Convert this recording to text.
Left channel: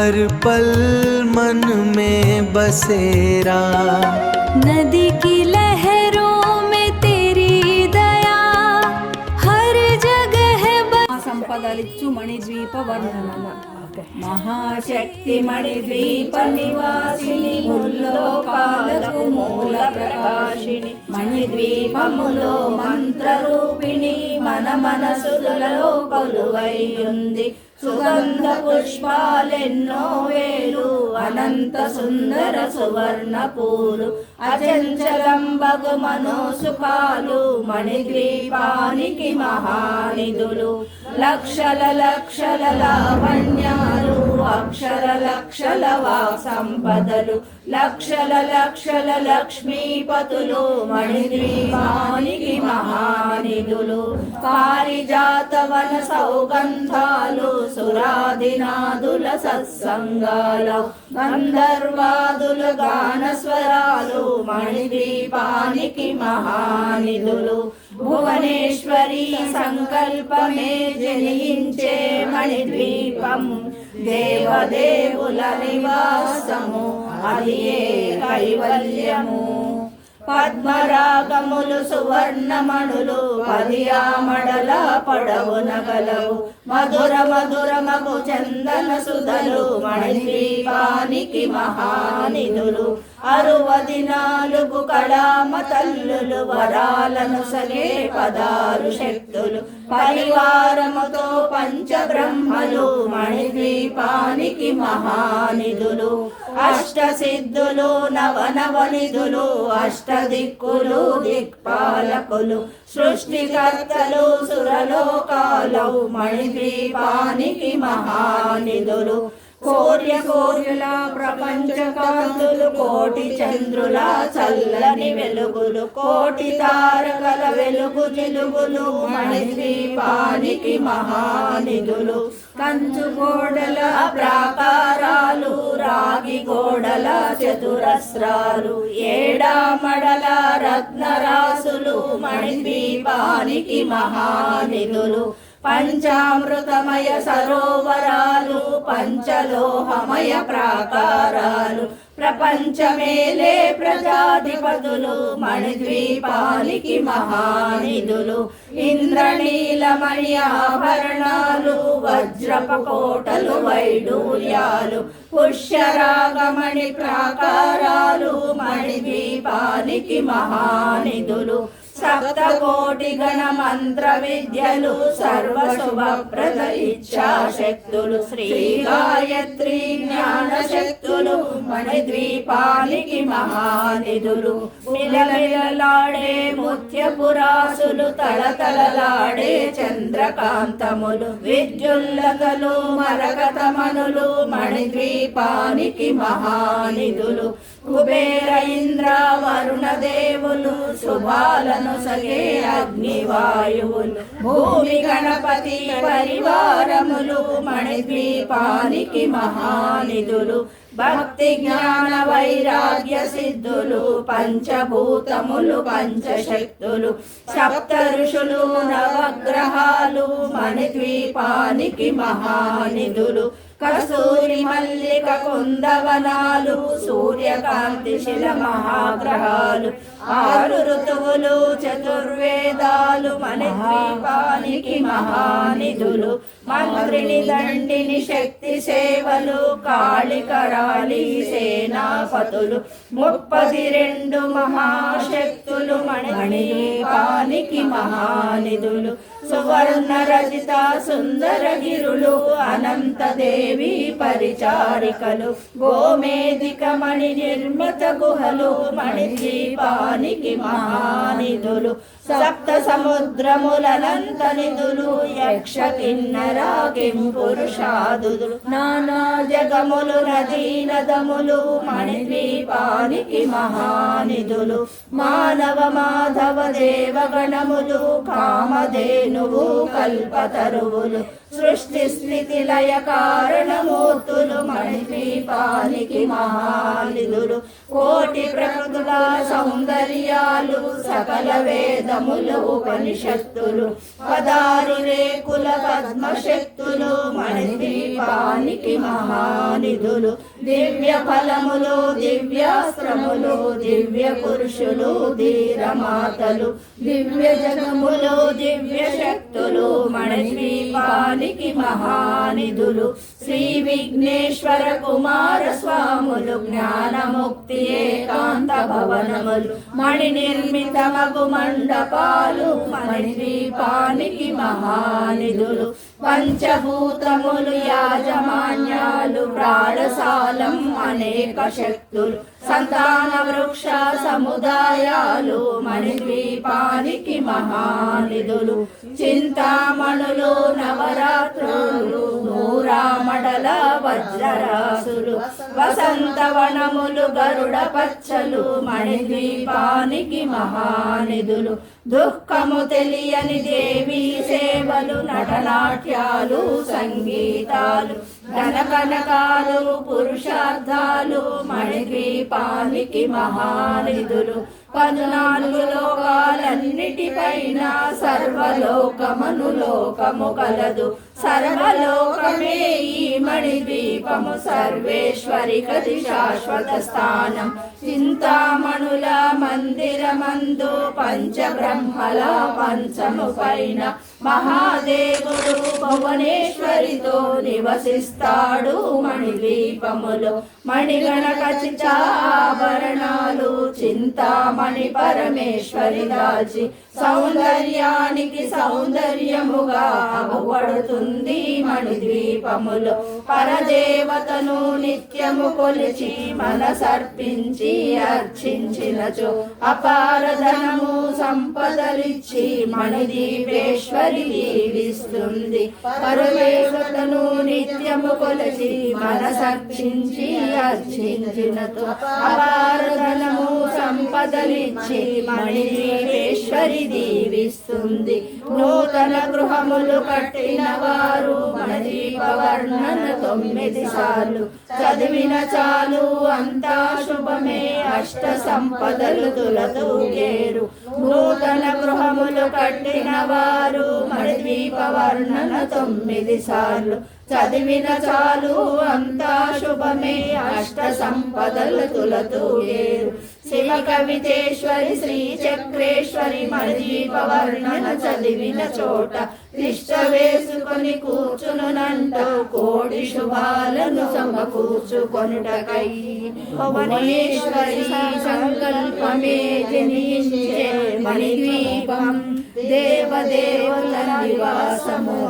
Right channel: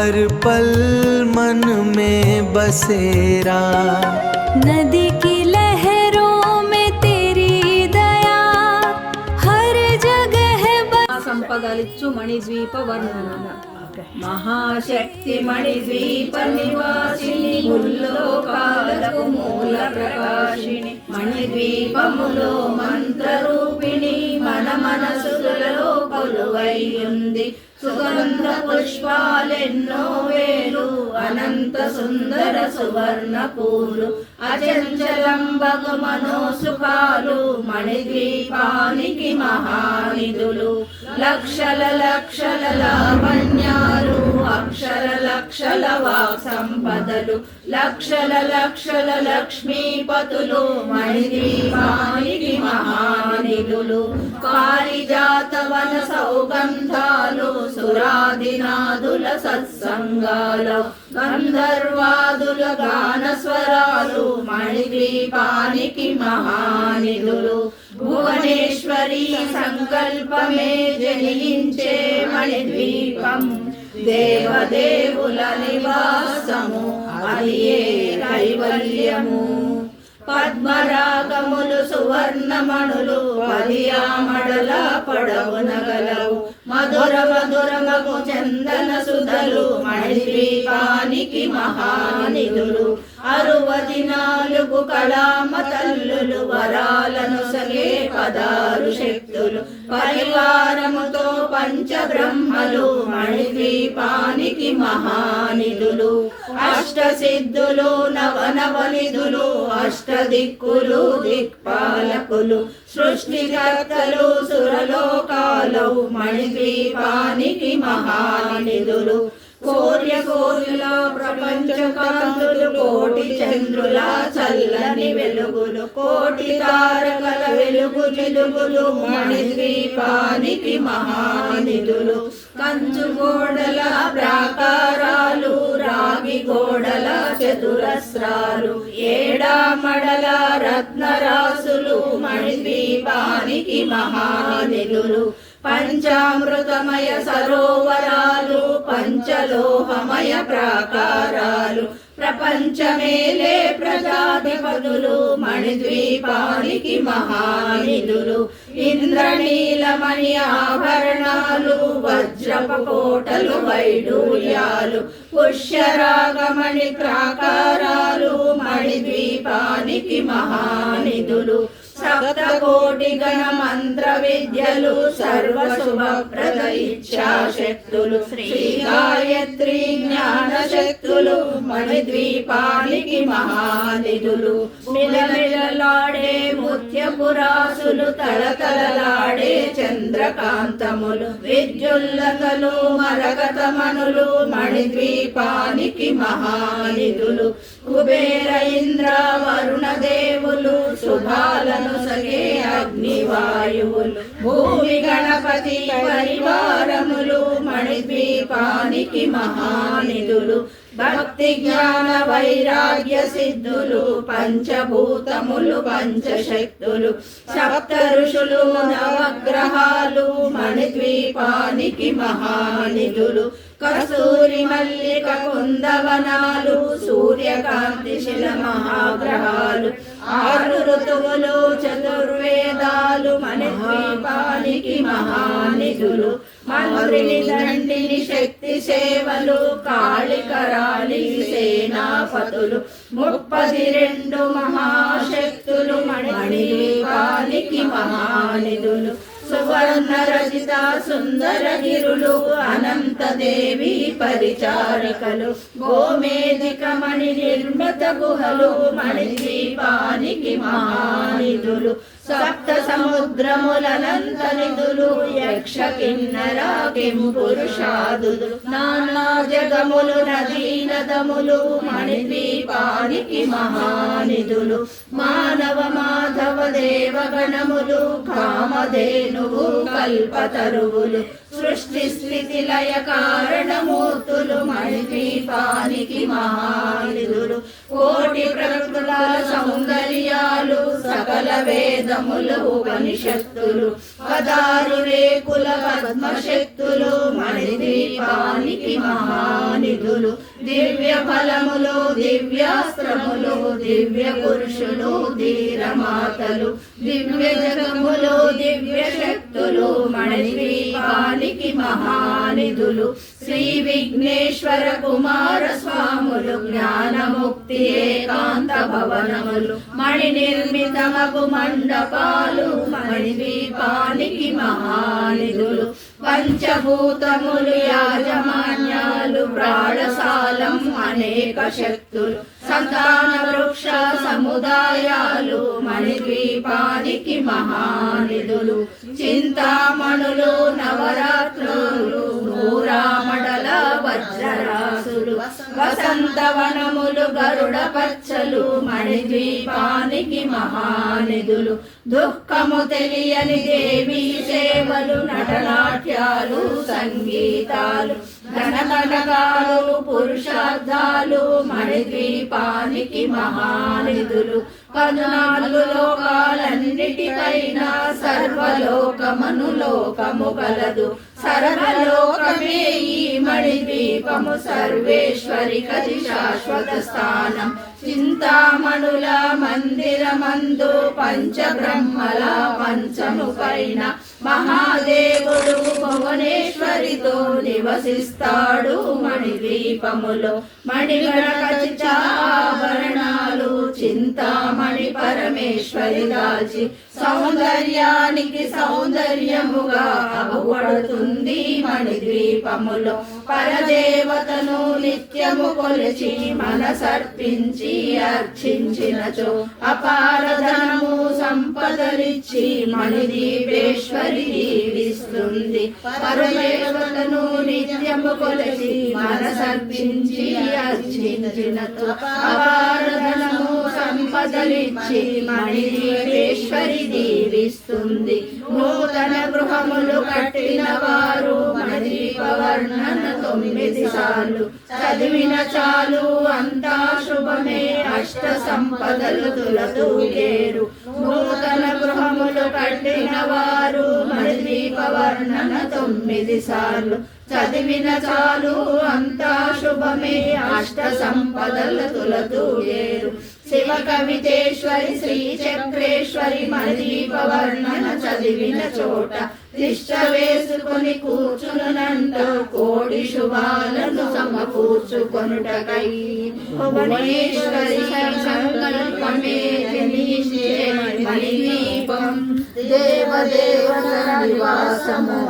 हर पल मन में बसेरा। नदी की लहरों में तेरी दया हर जगह సంపదలిచ్చు మణిద్వీప వర్ణనము మహాశక్తి మణిద్వీప నివాసిని ముల్లోకాలకు మూల ప్రకాశిని మణిద్వీపములో మంత్రరూపిణి మన మనసులలో కొలువై ఉంది సుగంధ పుష్పాలెన్నో వేలు అనంత సుందర సువర్ణ పూలు అచంచలం బగు మనోసుఖాలు మణిద్వీపానికి మహానిధులు లక్షల లక్షల లావణ్యాలు అక్షర లక్షల వాక్ సంపదలు లక్షల లక్షల లక్ష్మీపతులు మణిద్వీపానికి మహానిధులు పారిజాతవన సౌగంధాలు సురాదినాదుల సత్సంగాలు గంధర్వాదుల గాన స్వరాలు మణిద్వీపానికి మహానిధులు భువనేశ్వరి సంకల్పమే జనించే మణిద్వీపం దేవదేవుల నివాసము అలియే కైవల్యము పద్మరాగములు సువర్ణమణులు పదియామడల పొడవునగలవు మధుర మధురమగు చందన సుధలు మణిద్వీపానికి మహానిధులు 64 కళామ తల్లులు వరాలను సగే పదాలు శక్తులు పరివారముతో పంచబ్రహ్మలు మణిద్వీపానికి మహానిధులు అష్టసిద్ధులు నవనవనిధులు అష్టదిక్కులు దిక్పాలకులు సృష్టికర్తలు సురలోకాలు మణిద్వీపానికి మహానిధులు కోటి సూర్యుల ప్రపంచ కాంతులు కోటి చంద్రుల చల్లని వెలుగులు కోటి తారకల వెలుగు చిలుగులు మణిద్వీపానికి మహానిధులు కంచు గోడల ప్రాకారాలు రాగి గోడల చతురస్రాలు ఏడామడల రత్నరాసులు మణిద్వీపానికి మహానిధులు పంచామృతమయ సరోవరాలు పంచలోహమయ ప్రాకారాలు ప్రపంచమేలే ప్రజాధిపతులు మణిద్వీపానికి మహానిధులు ఇంద్రనీలమణి ఆభరణాలు వజ్రపు కోటలు వైడూర్యాలు పుష్యరాగమణి ప్రాకారాలు మణిద్వీపానికి మహానిధులు సప్తకోటి గణ మంత్ర విద్యలు సర్వశుభప్రద ఇచ్ఛాశక్తులు శ్రీ గాయత్రి జ్ఞాన శక్తులు మణిద్వీపానికి మహానిధులు మిలమిలలాడే ముత్యపురాసులు తలతలలాడే చంద్రకాంతములు విద్యుల్లతలు మరకతమనులు మణిద్వీపానికి మహానిధులు కుబేర ఇంద్ర వరుణ దేవులు శుభాలను సగే అగ్నివాయువులు భూమి గణపతి పరివారములు మణిద్వీపానికి మహానిధులు భక్తి జ్ఞాన వైరాగ్య సిద్ధులు పంచభూతములు పంచశక్తులు సప్త ఋషులు నవగ్రహాలు మణిద్వీపానికి మహానిధులు కస్తూరి మల్లిక కుందవనాలు సూర్యకాంతి శిల మహాగ్రహాలు 6 ఋతువులు చతుర్వేదాలు మణిద్వీపానికి మహానిధులు మంత్రిని దండిని శక్తి సేవలు కాళికరాళి సేనాపతులు 32 మహాశక్తులు మణిద్వీపానికి మహానిధులు సువర్ణ రచిత సుందర గిరులు అనంత దేవి పరిచారికలు గోమేధిక మణి నిర్మిత గుహలు మణిద్వీపానికి మహానిధులు సప్త సముద్రములనంత నిధులు యక్ష కిన్నర కింపురుషాదులు నానా జగములు నదీ నదములు మణిద్వీపానికి మహానిధులు మానవ మాధవ దేవగణములు కామధేనువు కల్పతరువులు సృష్టి స్థితి లయ కారణమూర్తులు మణిద్వీపానికి మహానిధులు కోటి ప్రకృతుల సౌందర్యాలు సకల వేదములు ఉపనిషత్తులు 16 రేకుల పద్మశక్తులు మణిదీపానికి మహానిధులు దివ్య ఫలములు దివ్యాస్త్రములు దివ్య పురుషులు ధీరమాతలు దివ్య జగములు దివ్య శక్తులు మణిదీపానికి మహానిధులు శ్రీ విఘ్నేశ్వర కుమార స్వాములు జ్ఞానముక్తి ఏకాంత భవనములు మణి నిర్మితమగు మండపాలు మణిదీపానికి మహానిధులు పంచభూతములు యాజమాన్యాలు ప్రాణశాలం అనేక శక్తులు సంతాన వృక్ష సముదాయాలు మణిద్వీపానికి మహానిధులు చింతామణులు నవరాత్రులు నూరామడల వజ్రరాసులు వసంతవనములు గరుడ పచ్చలు మణిద్వీపానికి మహానిధులు దుఃఖము తెలియని దేవీ సేవలు నటనాట్యాలు సంగీతాలు ధనకనకాలు పురుషార్థాలు మణిద్వీపానికి మహానిధులు 14 లోకాలన్నిటిపైన సర్వలోకమను లోకము కలదు సర్వలోకమే ఈ మణిద్వీపము సర్వేశ్వరి కది శాశ్వత స్థానం చింతామణుల మందిరమందు పంచబ్రహ్మల పంచము పైన మహాదేవుడు భువనేశ్వరితో నివసిస్తాడు మణిద్వీపములో మణిగణకచిత ఆభరణాలు చింతామణి పరమేశ్వరి దాచి సౌందర్యానికి సౌందర్యముగా అవపడుతుంది మణిద్వీపములో పరదేవతను నిత్యము కొలిచి మనసర్పించి అర్చించినచో అపార ధనము సంపదలిచ్చి మణిద్వీపేశ్వరి దీవిస్తుంది పరదేవతను నిత్యము కొలిచి మనసర్పించి అర్చించినచో అపార ధనము సంపదలిచ్చి మణిద్వీపేశ్వరి దీవిస్తుంది నూతన గృహములు కట్టిన వారు మణిద్వీప వర్ణన 9 సార్లు చదివిన చాలు అంతా శుభమే అష్ట సంపదలు తులతూగేరు నూతన గృహములు కట్టిన వారు మణిద్వీప వర్ణన 9 సార్లు చదివిన చాలు అంతా శుభమే అష్ట సంపదలు తులతూగేరు శివ కవితేశ్వరి శ్రీ చక్రేశ్వరి మణిద్వీప వర్ణన చదివిన చోట తిష్ట వేసుకొని కూర్చునంటూ కోడి శుభాలను సమకూర్చుకొనుటకై భువనేశ్వరి సంకల్పమే జనించే మణిద్వీపం దేవదేవత నివాసము